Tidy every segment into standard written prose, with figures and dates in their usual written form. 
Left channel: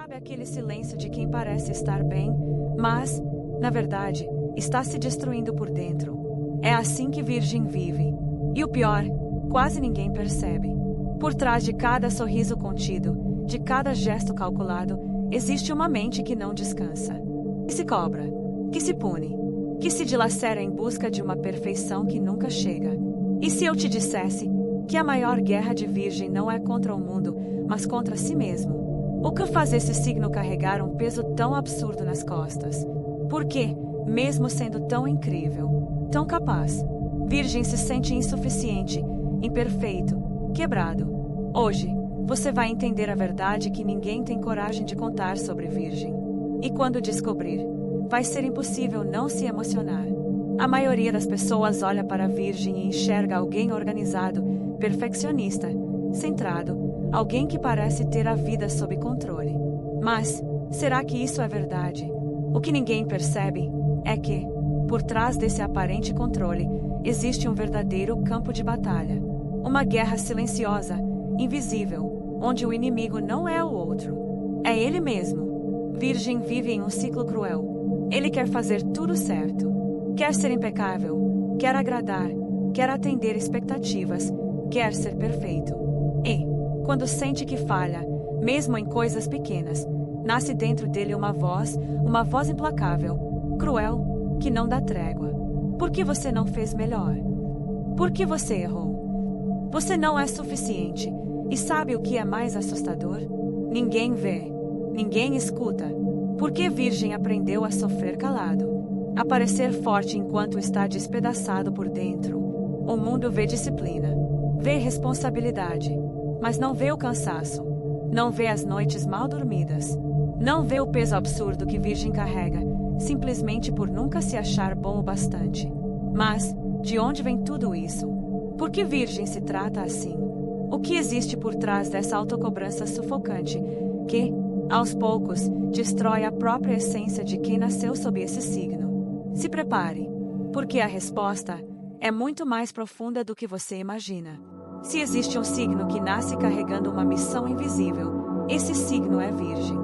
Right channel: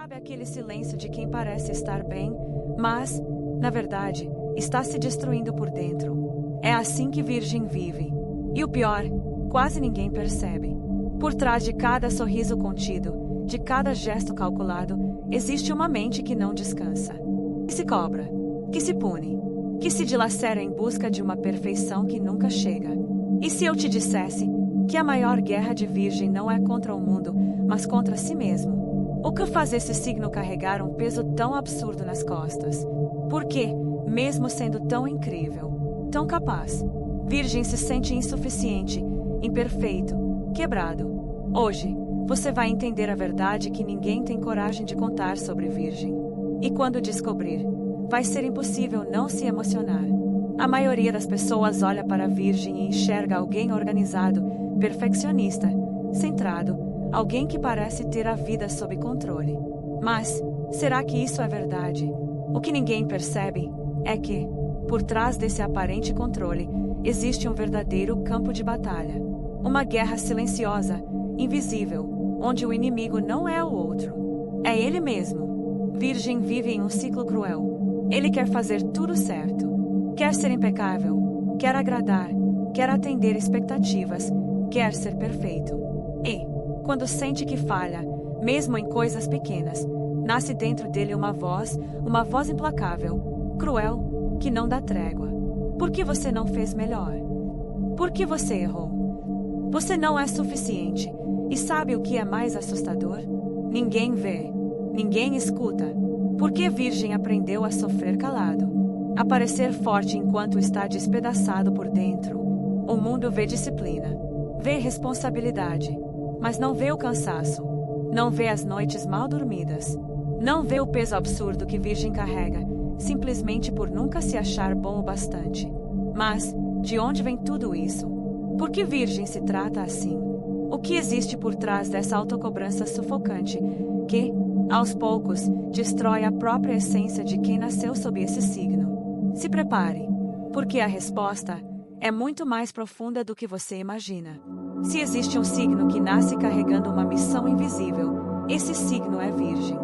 Sabe aquele silêncio de quem parece estar bem, mas, na verdade, está se destruindo por dentro? É assim que Virgem vive. E o pior, quase ninguém percebe. Por trás de cada sorriso contido, de cada gesto calculado, existe uma mente que não descansa. Que se cobra, que se pune, que se dilacera em busca de uma perfeição que nunca chega. E se eu te dissesse que a maior guerra de Virgem não é contra o mundo, mas contra si mesmo? O que faz esse signo carregar um peso tão absurdo nas costas? Por que, mesmo sendo tão incrível, tão capaz, Virgem se sente insuficiente, imperfeito, quebrado? Hoje, você vai entender a verdade que ninguém tem coragem de contar sobre Virgem. E quando descobrir, vai ser impossível não se emocionar. A maioria das pessoas olha para a Virgem e enxerga alguém organizado, perfeccionista, centrado, alguém que parece ter a vida sob controle. Mas, será que isso é verdade? O que ninguém percebe é que, por trás desse aparente controle, existe um verdadeiro campo de batalha. Uma guerra silenciosa, invisível, onde o inimigo não é o outro. É ele mesmo. Virgem vive em um ciclo cruel. Ele quer fazer tudo certo. Quer ser impecável. Quer agradar. Quer atender expectativas. Quer ser perfeito. E, quando sente que falha, mesmo em coisas pequenas, nasce dentro dele uma voz implacável, cruel, que não dá trégua. Por que você não fez melhor? Por que você errou? Você não é suficiente. E sabe o que é mais assustador? Ninguém vê. Ninguém escuta. Porque Virgem aprendeu a sofrer calado. A parecer forte enquanto está despedaçado por dentro. O mundo vê disciplina. Vê responsabilidade. Mas não vê o cansaço. Não vê as noites mal dormidas. Não vê o peso absurdo que Virgem carrega, simplesmente por nunca se achar bom o bastante. Mas, de onde vem tudo isso? Por que Virgem se trata assim? O que existe por trás dessa autocobrança sufocante, que, aos poucos, destrói a própria essência de quem nasceu sob esse signo? Se prepare, porque a resposta é muito mais profunda do que você imagina. Se existe um signo que nasce carregando uma missão invisível, esse signo é Virgem.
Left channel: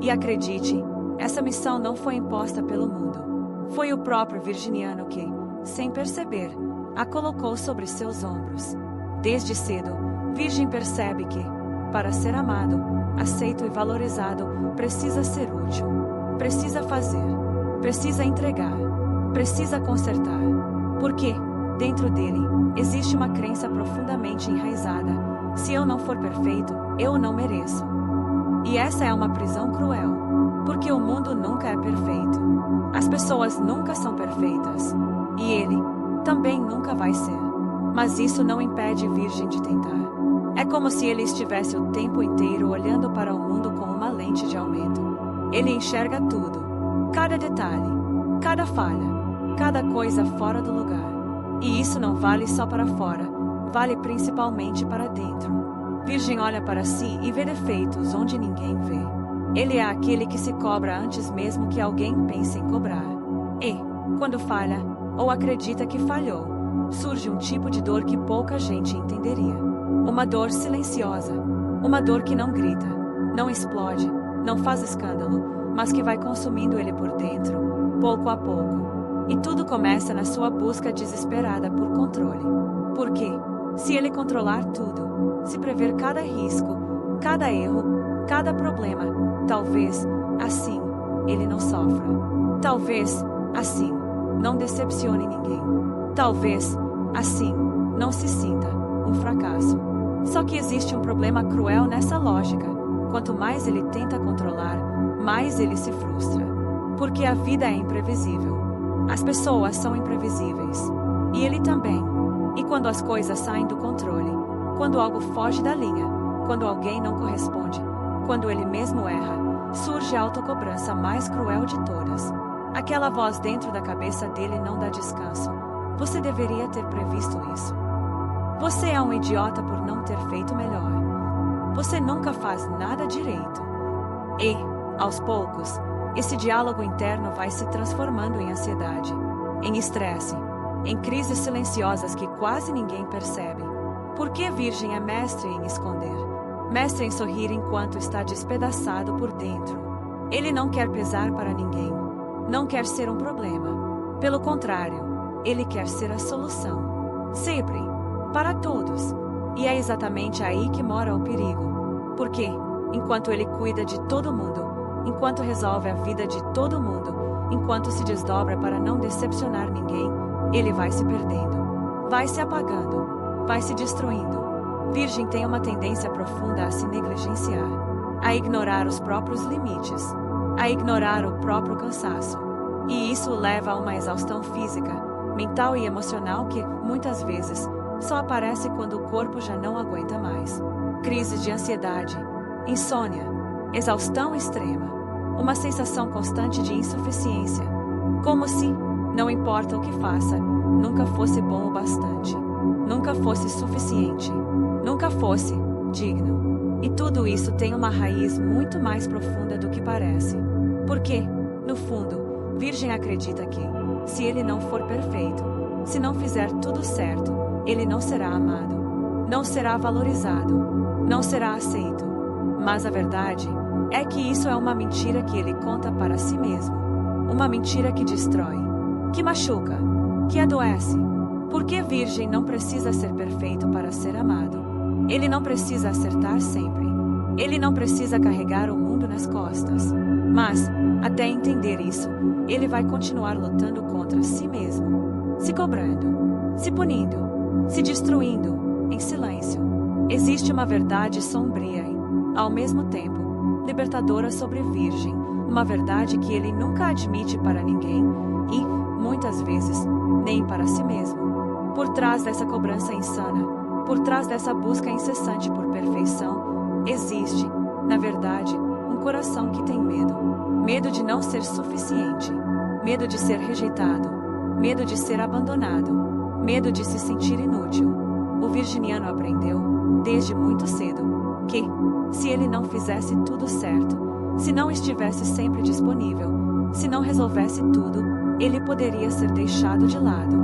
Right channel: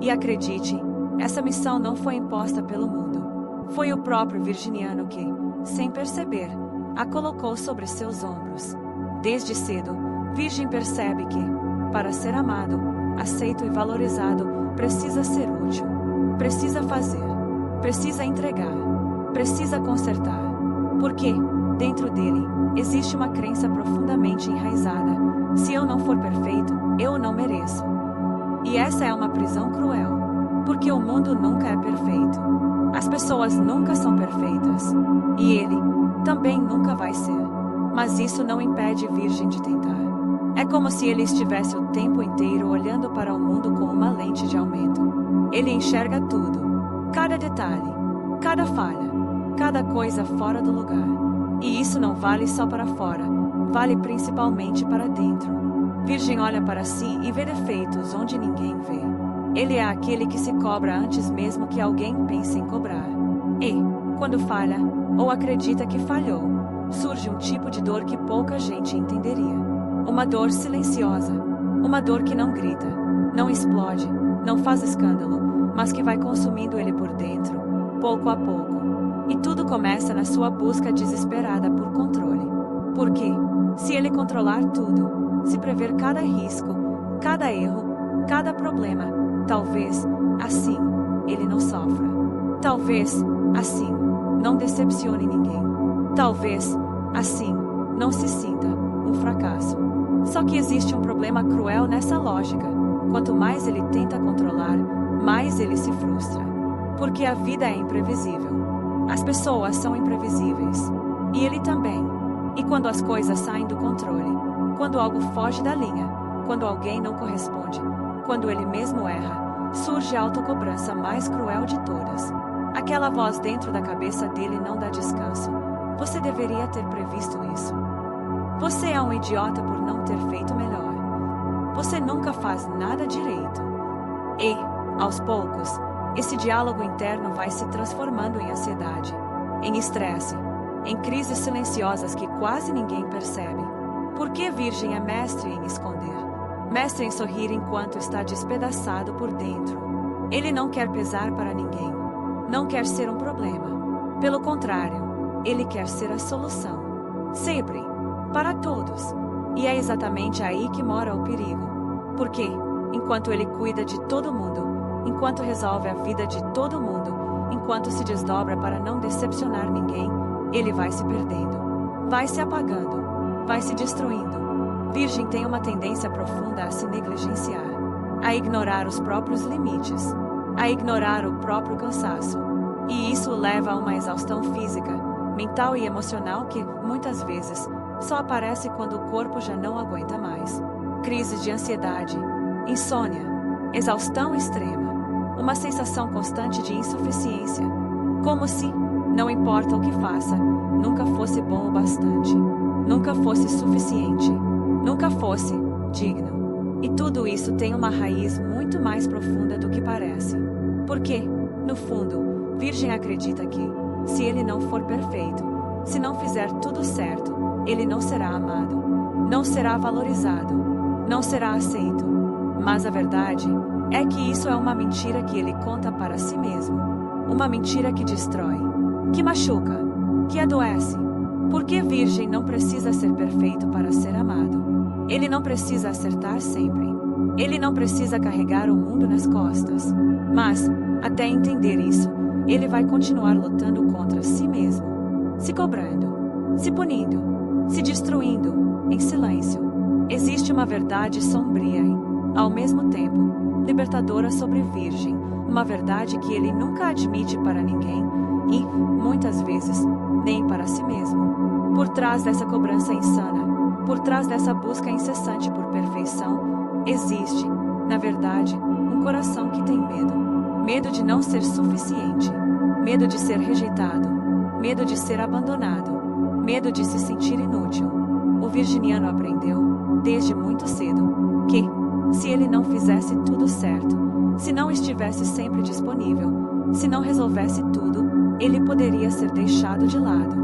E acredite, essa missão não foi imposta pelo mundo. Foi o próprio virginiano que, sem perceber, a colocou sobre seus ombros. Desde cedo, Virgem percebe que, para ser amado, aceito e valorizado, precisa ser útil. Precisa fazer. Precisa entregar. Precisa consertar. Porque, dentro dele, existe uma crença profundamente enraizada: se eu não for perfeito, eu não mereço. E essa é uma prisão cruel, porque o mundo nunca é perfeito. As pessoas nunca são perfeitas. E ele também nunca vai ser. Mas isso não impede Virgem de tentar. É como se ele estivesse o tempo inteiro olhando para o mundo com uma lente de aumento. Ele enxerga tudo, cada detalhe, cada falha, cada coisa fora do lugar. E isso não vale só para fora, vale principalmente para dentro. Virgem olha para si e vê defeitos onde ninguém vê. Ele é aquele que se cobra antes mesmo que alguém pense em cobrar. E, quando falha, ou acredita que falhou, surge um tipo de dor que pouca gente entenderia. Uma dor silenciosa. Uma dor que não grita, não explode, não faz escândalo, mas que vai consumindo ele por dentro, pouco a pouco. E tudo começa na sua busca desesperada por controle. Porque, se ele controlar tudo, se prever cada risco, cada erro, cada problema, talvez, assim, ele não sofra. Talvez, assim, não decepcione ninguém. Talvez, assim, não se sinta um fracasso. Só que existe um problema cruel nessa lógica. Quanto mais ele tenta controlar, mais ele se frustra. Porque a vida é imprevisível. As pessoas são imprevisíveis. E ele também. E quando as coisas saem do controle, quando algo foge da linha, quando alguém não corresponde, quando ele mesmo erra, surge a autocobrança mais cruel de todas. Aquela voz dentro da cabeça dele não dá descanso. Você deveria ter previsto isso. Você é um idiota por não ter feito melhor. Você nunca faz nada direito. E, aos poucos, esse diálogo interno vai se transformando em ansiedade, em estresse, em crises silenciosas que quase ninguém percebe. Porque Virgem é mestre em esconder. mestre em sorrir enquanto está despedaçado por dentro. Ele não quer pesar para ninguém. Não quer ser um problema. Pelo contrário, ele quer ser a solução. Sempre. Para todos. E é exatamente aí que mora o perigo. Porque, enquanto ele cuida de todo mundo, enquanto resolve a vida de todo mundo, enquanto se desdobra para não decepcionar ninguém, ele vai se perdendo. Vai se apagando. Vai se destruindo. Virgem tem uma tendência profunda a se negligenciar, a ignorar os próprios limites, a ignorar o próprio cansaço. E isso o leva a uma exaustão física, mental e emocional que, muitas vezes, só aparece quando o corpo já não aguenta mais. Crises de ansiedade, insônia, exaustão extrema, uma sensação constante de insuficiência, como se, não importa o que faça, nunca fosse bom o bastante, nunca fosse suficiente, nunca fosse digno. E tudo isso tem uma raiz muito mais profunda do que parece. Porque, no fundo, Virgem acredita que, se ele não for perfeito, se não fizer tudo certo, ele não será amado, não será valorizado, não será aceito. Mas a verdade é que isso é uma mentira que ele conta para si mesmo. Uma mentira que destrói, que machuca, que adoece. Porque Virgem não precisa ser perfeito para ser amado. Ele não precisa acertar sempre. Ele não precisa carregar o mundo nas costas. Mas, até entender isso, ele vai continuar lutando contra si mesmo, se cobrando, se punindo, se destruindo, em silêncio. Existe uma verdade sombria e, ao mesmo tempo, libertadora sobre Virgem, uma verdade que ele nunca admite para ninguém e, muitas vezes, nem para si mesmo. Por trás dessa cobrança insana, por trás dessa busca incessante por perfeição, existe, na verdade, um coração que tem medo. Medo de não ser suficiente, medo de ser rejeitado, medo de ser abandonado, medo de se sentir inútil. O virginiano aprendeu, desde muito cedo, que, se ele não fizesse tudo certo, se não estivesse sempre disponível, se não resolvesse tudo, ele poderia ser deixado de lado.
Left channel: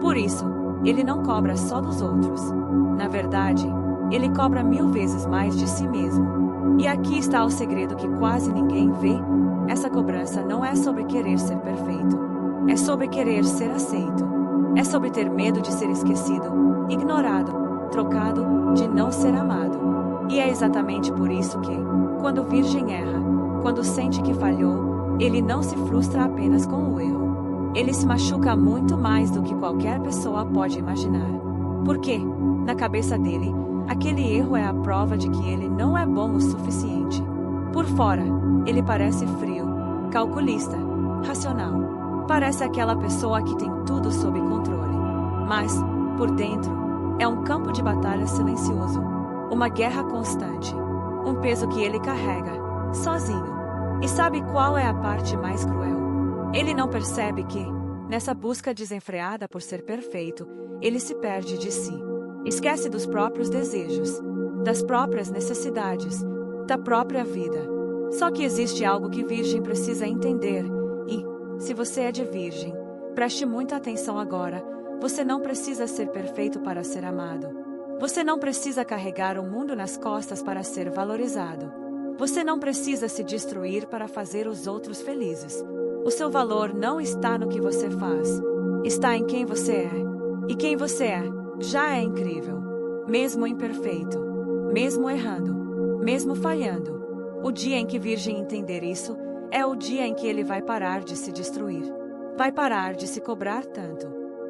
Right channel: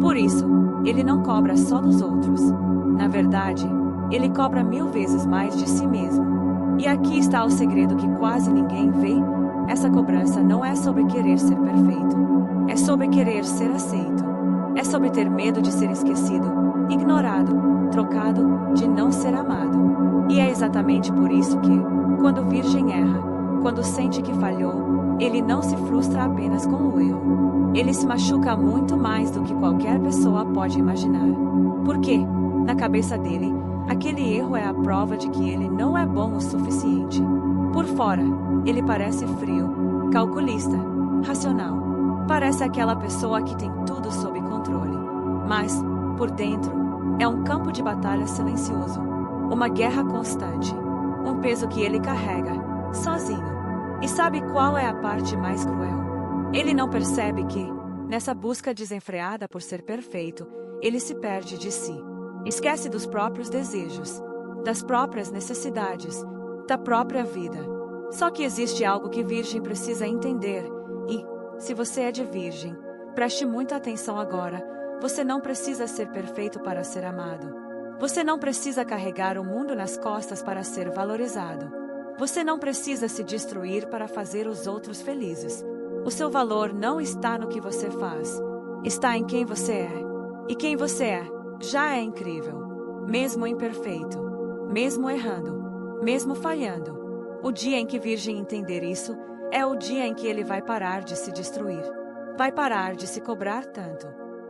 Por isso, ele não cobra só dos outros. Na verdade, ele cobra 1000 vezes mais de si mesmo. E aqui está o segredo que quase ninguém vê. Essa cobrança não é sobre querer ser perfeito. É sobre querer ser aceito. É sobre ter medo de ser esquecido, ignorado, trocado, de não ser amado. E é exatamente por isso que, quando Virgem erra, quando sente que falhou, ele não se frustra apenas com o erro. Ele se machuca muito mais do que qualquer pessoa pode imaginar. Porque, na cabeça dele, aquele erro é a prova de que ele não é bom o suficiente. Por fora, ele parece frio, calculista, racional. Parece aquela pessoa que tem tudo sob controle. Mas, por dentro, é um campo de batalha silencioso. Uma guerra constante. Um peso que ele carrega, sozinho. E sabe qual é a parte mais cruel? Ele não percebe que, nessa busca desenfreada por ser perfeito, ele se perde de si. Esquece dos próprios desejos, das próprias necessidades, da própria vida. Só que existe algo que Virgem precisa entender e, se você é de Virgem, preste muita atenção agora, você não precisa ser perfeito para ser amado. Você não precisa carregar o mundo nas costas para ser valorizado. Você não precisa se destruir para fazer os outros felizes. O seu valor não está no que você faz, está em quem você é. E quem você é já é incrível, mesmo imperfeito, mesmo errando, mesmo falhando. O dia em que Virgem entender isso é o dia em que ele vai parar de se destruir. Vai parar de se cobrar tanto.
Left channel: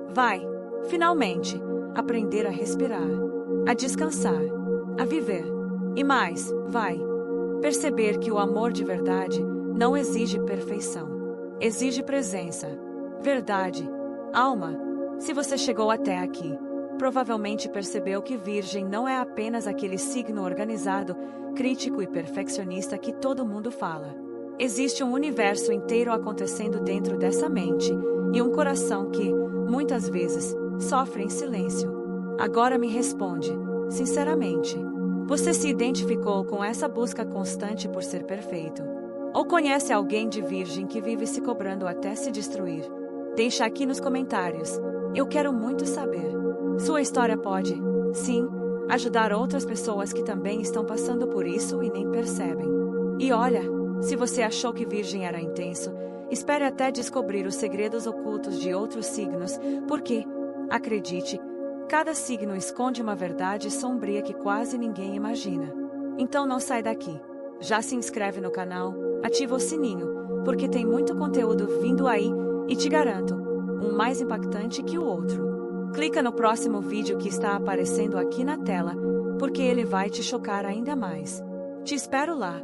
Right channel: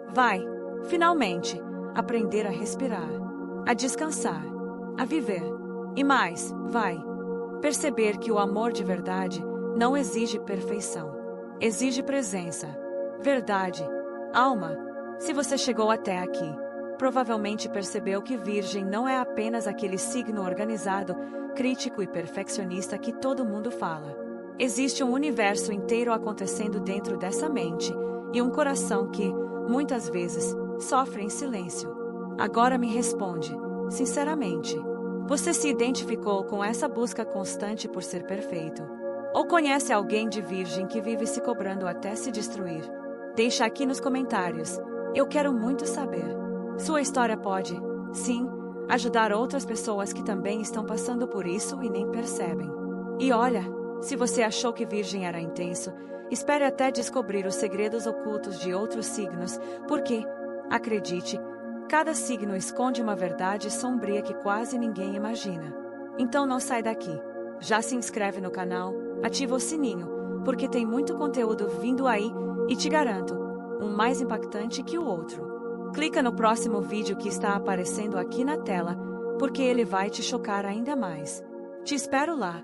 Vai, finalmente, aprender a respirar, a descansar, a viver. E mais, vai perceber que o amor de verdade não exige perfeição. Exige presença, verdade, alma. Se você chegou até aqui, provavelmente percebeu que Virgem não é apenas aquele signo organizado, crítico e perfeccionista que todo mundo fala. Existe um universo inteiro acontecendo dentro dessa mente e um coração que, muitas vezes, sofre em silêncio. Agora me responde, sinceramente, você se identificou com essa busca constante por ser perfeito? Ou conhece alguém de Virgem que vive se cobrando até se destruir? Deixa aqui nos comentários. Eu quero muito saber. Sua história pode, sim, ajudar outras pessoas que também estão passando por isso e nem percebem. E olha, se você achou que Virgem era intenso, espere até descobrir os segredos ocultos de outros signos, porque, acredite, cada signo esconde uma verdade sombria que quase ninguém imagina. Então não sai daqui. Já se inscreve no canal, ativa o sininho, porque tem muito conteúdo vindo aí e te garanto, um mais impactante que o outro. Clica no próximo vídeo que está aparecendo aqui na tela, porque ele vai te chocar ainda mais. Te espero lá.